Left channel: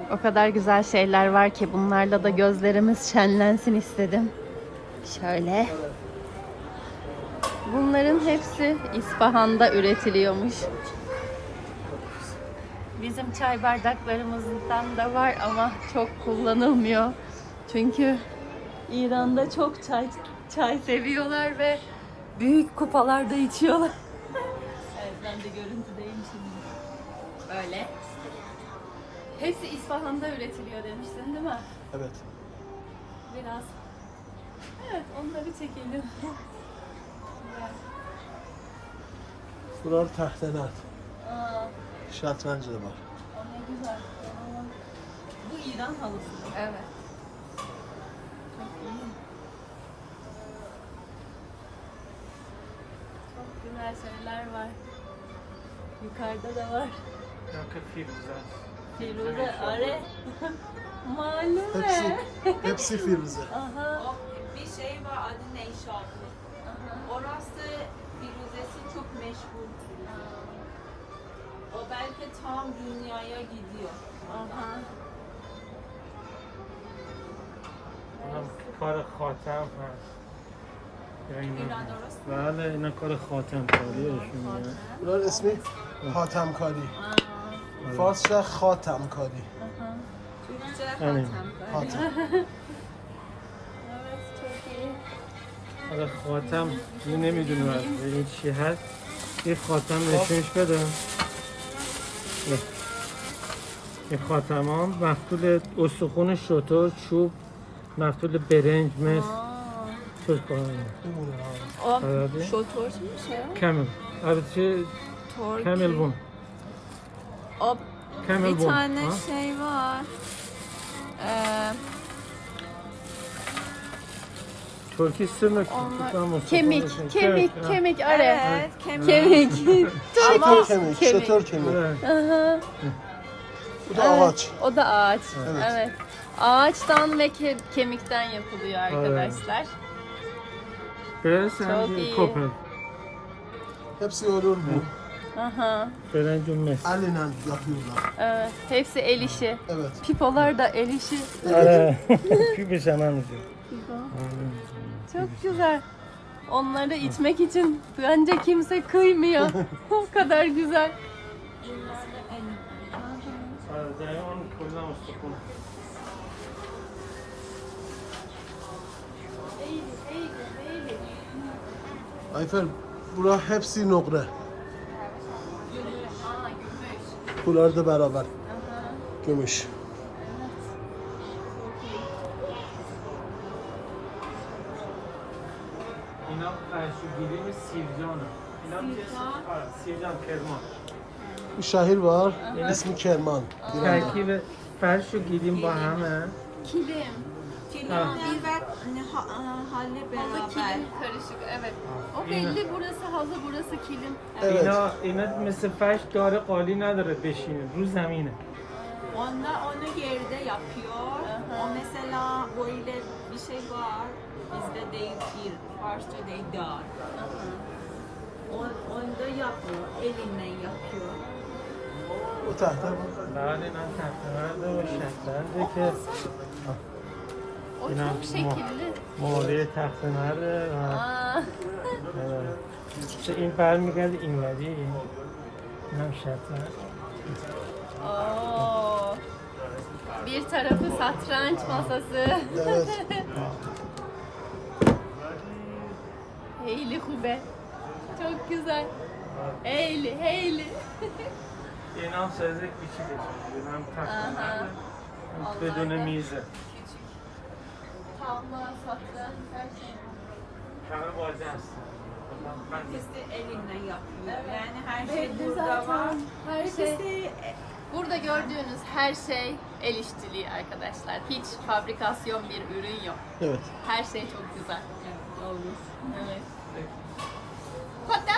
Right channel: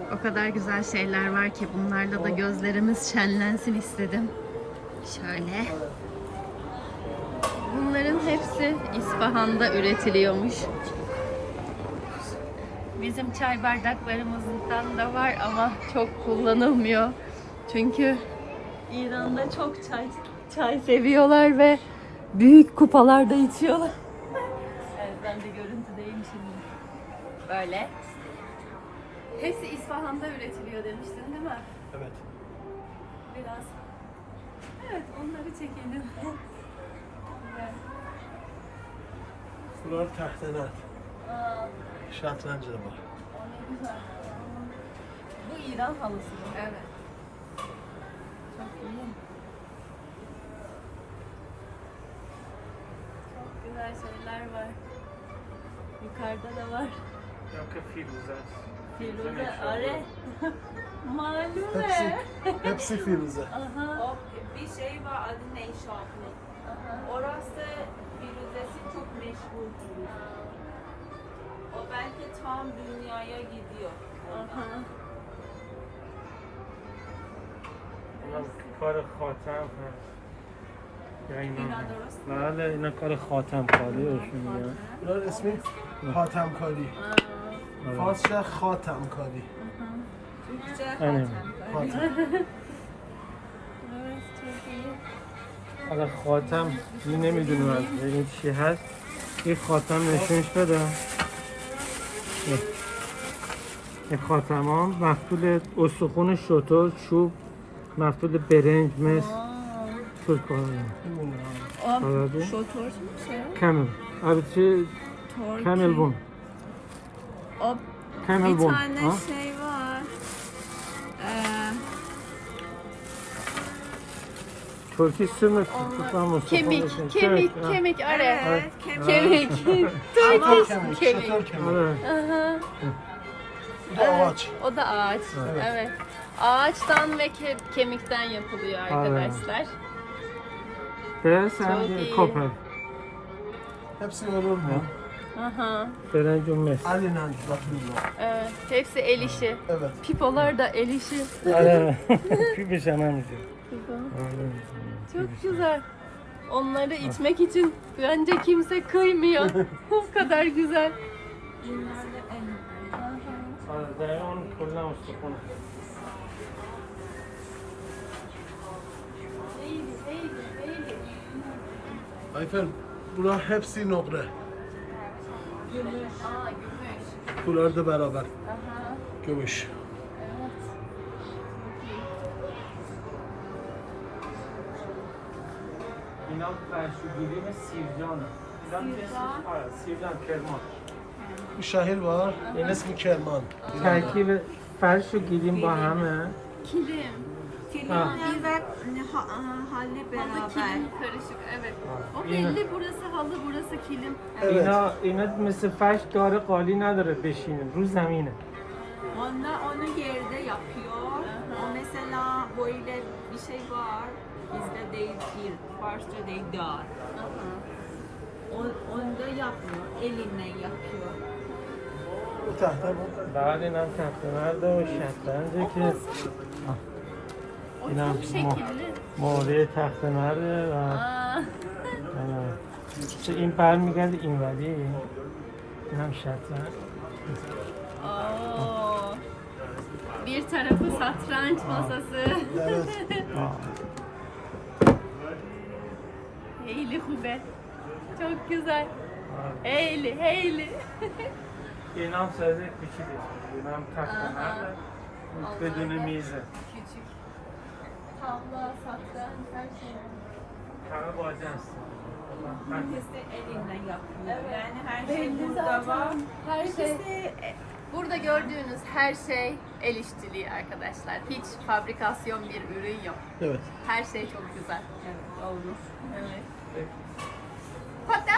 O kadar güzel şeyler var ki bunlarla da gözlerimiz şenlensin istedim. Şöyle. Bunların hepsi İsfahan'da üretiliyormuş. Bizim çay bardaklarımızdan da var ama çok kullanılmıyor. Çünkü İran'da çok çay seviyorlar ve büyük kupalarda içiyorlar. Evet, ben de görüntüdeyim şimdi. Böyle. Hepsi İsfahan'da üretiliyor demiştin değil mi? Evet. Biraz. Evet, onları çekelim. Bunlar tahteler. Aa, Şatrancı da var. o ne güzel. Bu İran halısı. Evet. Çok iyi. Çok güzel şeyler var. Yukarıda da var. Firuze, are. Malume. Hepsi Firuze. Aha. Bir şey var adı Neyşatlı. Orası Firuzesi çok meşhur. O belki tam dünyaya gidiyor. Aha. کار خاتم هست یا اینا بله اینا کار خاتم کاری بهشون میگن Bunlar ismi Hatemkari. Farsça Hatemkari. یعنی Hatem. حالا خاتم می نمیدونم از این چی هست این خاتم نشونش بده این خاتم ها مفتول استخون شتر چوب مفتول برنج مس ترک Şotor şey. کامل البته کامل بون O کامل bir بون tane ها şey var. ترکی سمک Kemik are. Evet, Kemik. Şatör kemik, şatör kemik. Evet. Bu da ağaç. O da ağaç. Evet. Evet. Ağaçtan ve kemikten yapılıyor arkadaşlar. Beyaz hem Çok de iyi. koper. Hepsi örülmüyor. Aha. Berenci mes. Elle yapıyorlar. Evet. Hepsi el işi. Evet. Pipolar da el işi. Ara. Kübüş hemen mi? Çok güzel. Onları içmek için bence kimse kıymıyor. O kadar güzel. Bunlar da en Zayan kullan ustakun. Ayfer, bura hepsi nokre. Gümüş. Aa, gümüş. Bunlar da beraber. Aha. Gümüş. Evet. Çok iyi. اینا فرشوگیری سیرجانه اینا سیرجان کرمان Bir şehir var. İsmi Kerman. ترکیب فرش و گیریم با همه Kilim. Kilimli ve halle Halı beraber. kilim karışık. Evet. O belli, burası halı, burası kilim. Evet. اینا مثل فرش داره قالی نداره بشینه رو زمینه Onlar onu yerde yapıyor. O mesela böyle bir şey var. Bizde değil bir, Farsça değil dar. Onda yapmıyor, elinle yapıyor. Bu tahta var. بله من تخته‌نرد داره شطرنجه که O çok şekilli. موقع تخته‌نرده Aa. چه این برمیگرده اینوری این هم شطرنج Oo. Bir tarafı satranç masası. Evet. Heyli hube. Çok güzel. Heyli, heyli. این هم سایز کوچیکه این هم تخته‌نرده بدون میزه Küçük. Tavla, satranç, her şey var. همه باجه هستن İkisi de elinle yapıyor. Yani her şey burada var. Her şey. Burada gördüğünüz her şey el işçiliği arkadaşlar. Hiç fabrikasyon bir ürün yok. Evet. Her şey çok güzel. Evet, doğru. Evet.